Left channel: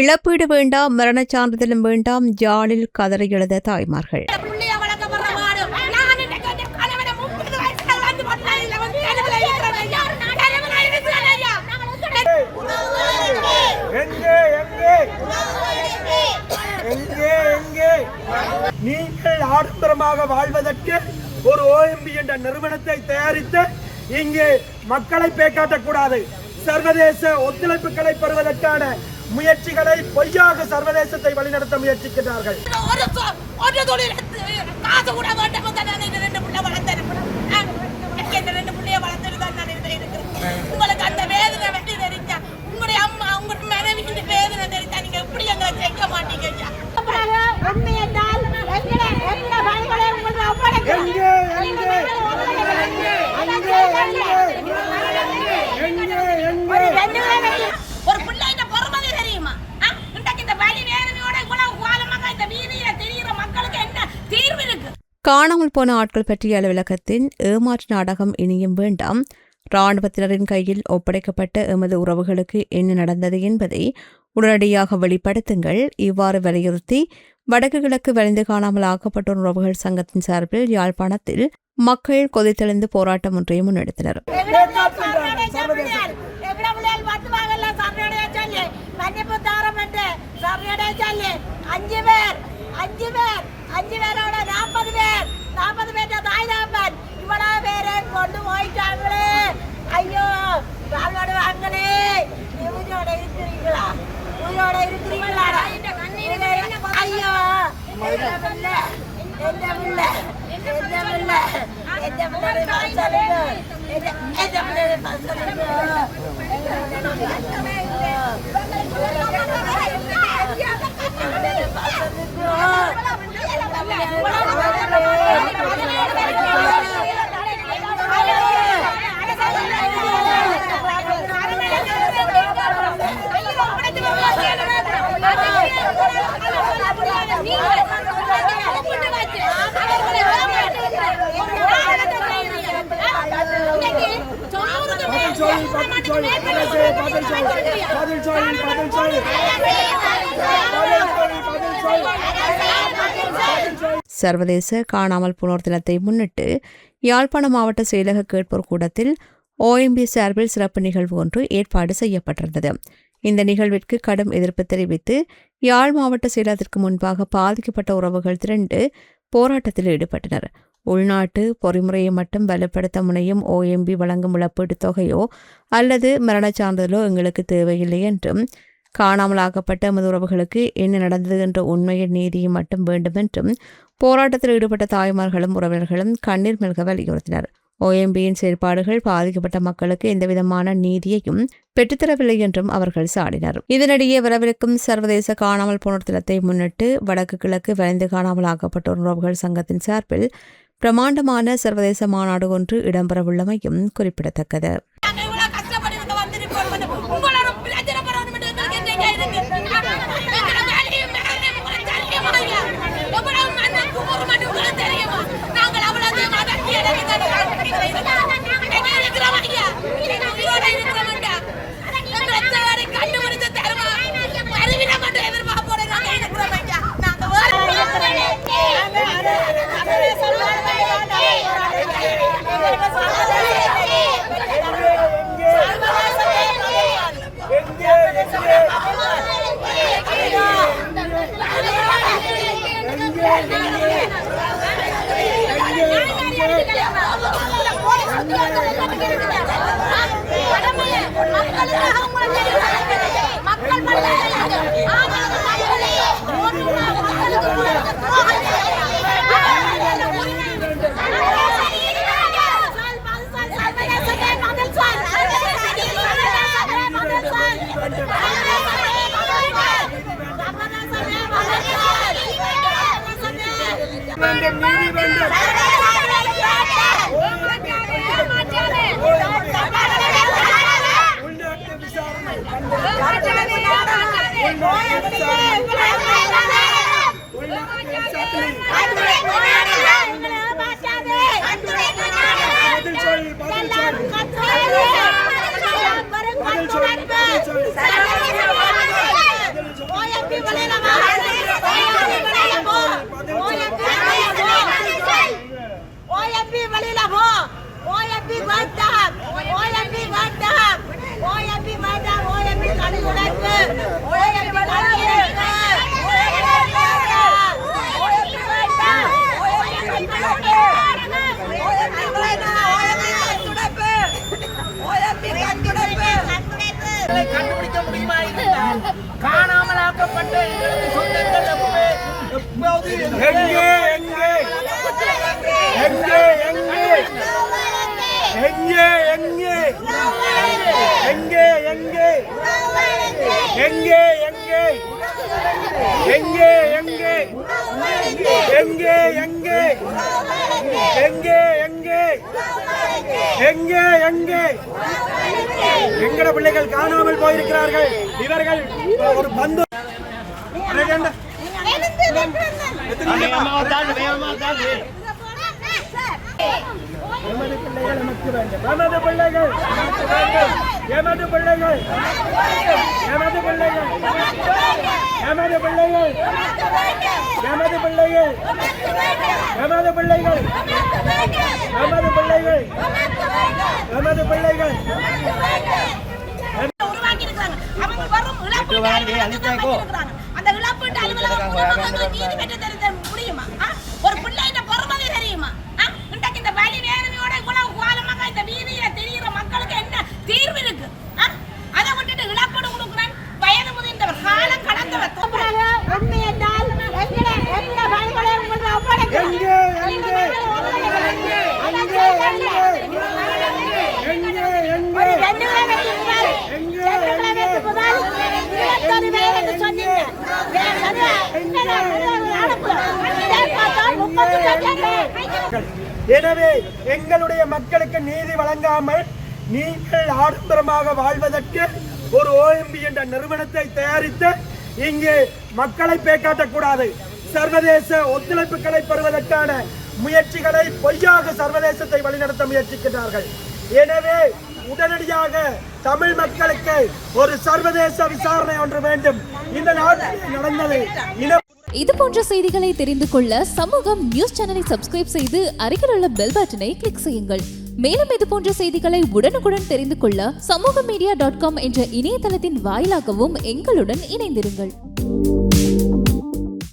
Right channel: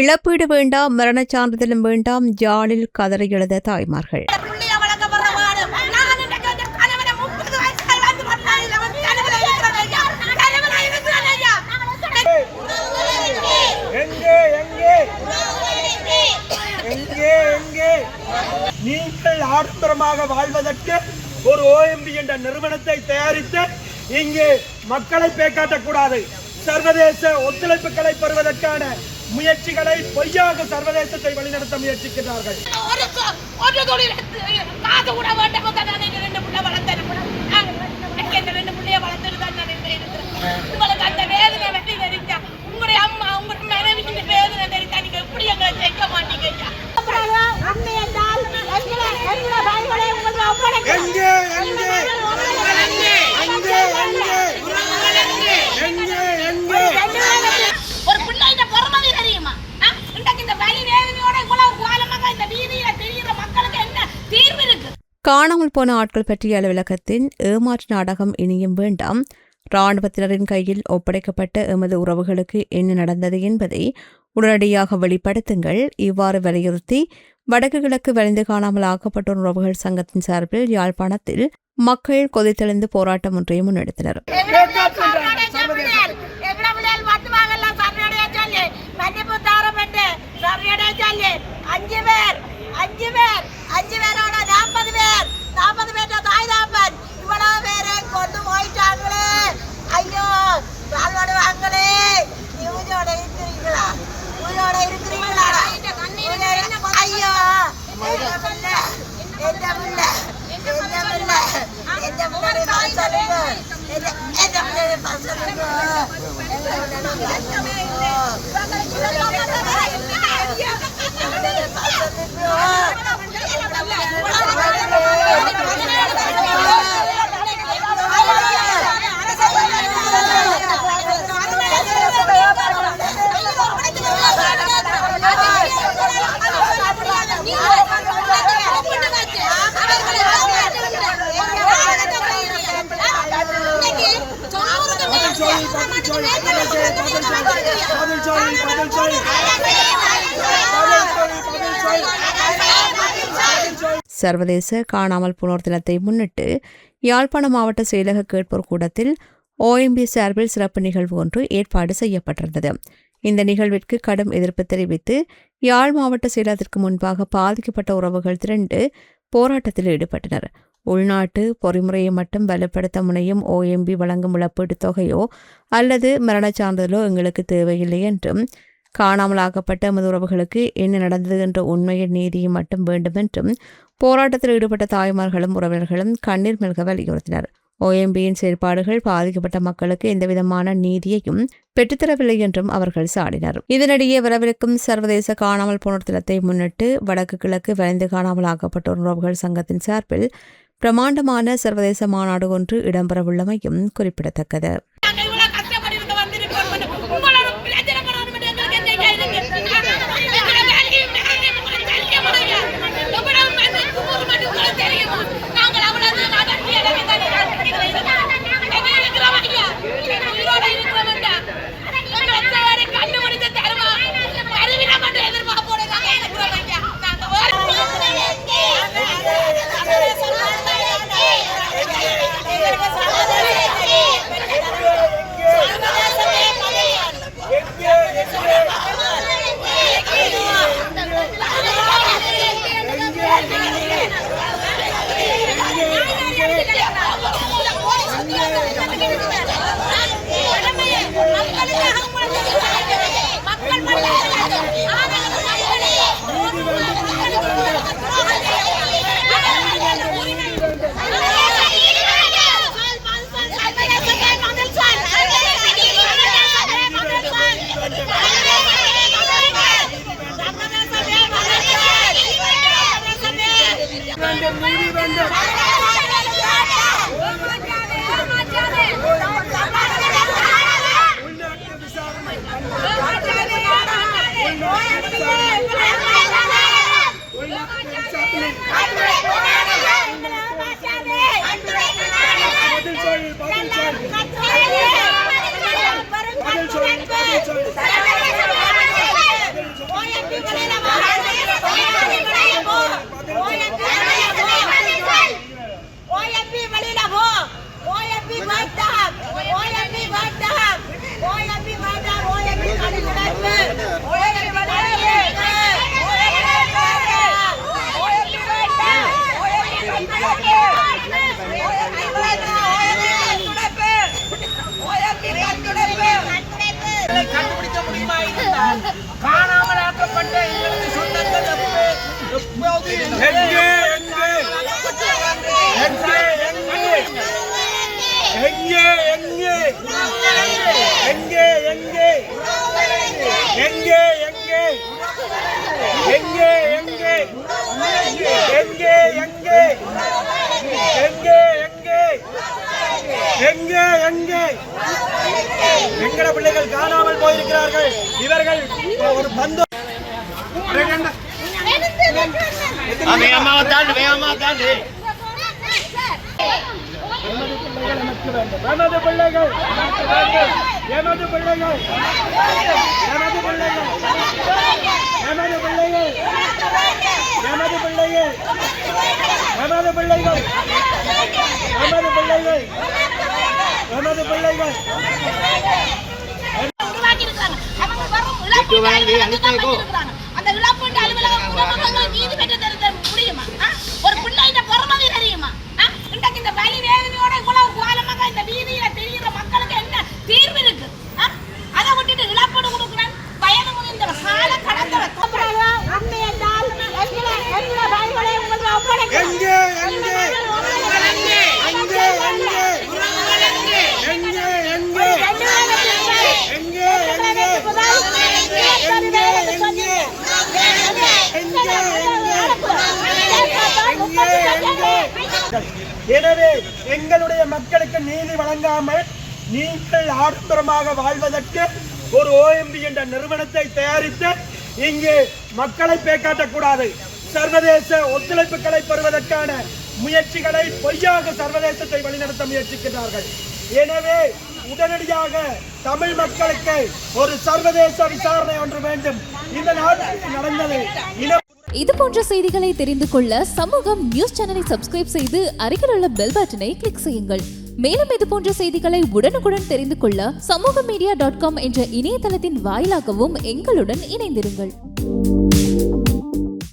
இழப்பீடு வேண்டாம், மரணச் சான்றிதழும் வேண்டாம், ஜாலில் கதறி எழுத தாய்மார்கள். நீங்கள் ஆடம்பரமாக வாழ்வதற்கு ஒரு OMB என்ற நிறுவனத்தை தயாரித்து இங்கே மக்களை பேக்காட்டக்கூடாது. சர்வதேச ஒத்துழைப்புகளை பெறுவதற்கான முயற்சிகளை பொய்யாக சர்வதேசத்தை வழிநடத்த முயற்சிக்கிறார்கள். காணாமல் போன ஆட்கள் பற்றிய அலுவலகத்தின் ஏமாற்று நாடகம் இனியும் வேண்டாம். இராணுவத்தினரின் கையில் ஒப்படைக்கப்பட்ட எமது உறவுகளுக்கு என்ன நடந்தது என்பதை உடனடியாக வெளிப்படுத்துங்கள். இவ்வாறு வலியுறுத்தி வடக்கு கிழக்கு வலிந்து காணாமல் ஆக்கப்பட்டோர் உறவுகள் சங்கத்தின் சார்பில் யாழ்ப்பாணத்தில் மக்கள் கொதித்தெழுந்து போராட்டம் ஒன்றை முன்னெடுத்தனர். சர்வதேச காணாமல் போனோர் தினத்தை முன்னிட்டு யாழ்ப்பாண மாவட்ட செயலக கேட்போர் கூடத்தில் OMB சார்பில் சிறப்பு நிகழ்வு ஒன்று ஏற்பாடு செய்யப்பட்டிருந்தது. இந்த நிகழ்விற்கு கடும் எதிர்ப்பு தெரிவித்து யாழ் மாவட்ட செயலகத்திற்கு முன்பாக பாதிக்கப்பட்ட உறவுகள் திரண்டு போராட்டத்தில் ஈடுபட்டனர். உள்நாட்டு பொறிமுறையை மட்டும் வலுப்படுத்த முனையும் OMB வழங்கும் இழப்பீட்டுத் தொகையோ அல்லது மரணச் சான்றிதழோ எங்களுக்கு தேவையில்லை என்றும், காணாமலாக்கப்பட்ட எமது உறவுகளுக்கு என்ன நடந்தது என்ற உண்மையின் நீதியும் மட்டும் வேண்டும் என்றும் போராட்டத்தில் ஈடுபட்ட தாய்மார்களும் உறவினர்களும் கண்ணீர் மல்க வலியுறுத்தினர். OMBயின் செயற்பாடுகள் பாதிக்கப்பட்ட மக்களுக்கு எந்தவிதமான நீதியையும் பெற்றுத்தரவில்லை என்றும் அவர்கள் சாடினர். இதனிடையே வரவிருக்கும் சர்வதேச காணாமல் போனோர் தினத்தை முன்னிட்டு வடக்கு கிழக்கு வலிந்து காணாமல் ஆக்கப்பட்டோர் உறவுகள் சங்கத்தின் சார்பில் பிரமாண்டமான சர்வதேச மாநாடு ஒன்று இடம்பெறவுள்ளமையும் குறிப்பிடத்தக்கது. எங்கே எங்கே எங்கே எங்கே எங்கே எங்கே எங்கே எங்கே எங்கே எங்கே எங்கே எங்கே எங்கே எங்கே எங்கே எங்கே எங்கே எங்கே எங்கட பிள்ளைகள் காணாமல் போயிருக்கிறார்கள். இவர்கள் ஒரு பந்து எமது பிள்ளைகள் நமக்கு வேண்டும். எமது பிள்ளைகள் நமக்கு வேண்டும். எமது பிள்ளைகள் எமது பிள்ளைகள் எமது பிள்ளைகள் எமது பிள்ளைகள் எமது பிள்ளைகள் எமது பிள்ளைகள் எமது பிள்ளைகள் அந்த இழப்பீட்டு அலுவலகம் நீதி பெற்று தர முடியுமா? ஒரு பிள்ளைகிட்ட பொறுமதி தெரியுமா? இன்றைக்கு இந்த வலி வேதனையோட இவ்வளவு காலமாக இந்த வீதியில தெரிகிற மக்களுக்கு என்ன தீர்வு இருக்கு? அதை விட்டுட்டு இழப்பீடு கொடுக்குறேன் வயது முதிர்ந்த கால கடந்தவர் எனவே எங்களுடைய மக்களுக்கு நீதி வழங்காமல் நீங்கள் ஆடம்பரமாக வாழ்வதற்கு ஒரு OMB என்ற நிறுவனத்தை தயாரித்து இங்கே மக்களை பேக்காட்டக்கூடாது. சர்வதேச ஒத்துழைப்புகளை பெறுவதற்கான முயற்சிகளை பொய்யாக சர்வதேசத்தை வழிநடத்த முயற்சிக்கிறார்கள். எனவே உடனடியாக தமிழ் மக்களுக்கு ஒரு சர்வதேச விசாரணை ஒன்று வேண்டும். இந்த நாட்டில் நடந்தது இது போன்ற செய்திகளை தெரிந்து கொள்ள சமூகம் நியூஸ் சேனலை சப்ஸ்கிரைப் செய்து அருகில் உள்ள பெல் பட்டனை கிளிக் செய்யுங்கள். மேலும் இது போன்ற செய்திகளை உடனுக்குடன் தெரிந்து கொள்ள சமூகமீடியா.com என்ற இணையதளத்தின் வாயிலாகவும் எங்களுடன் இணைந்திருங்கள்.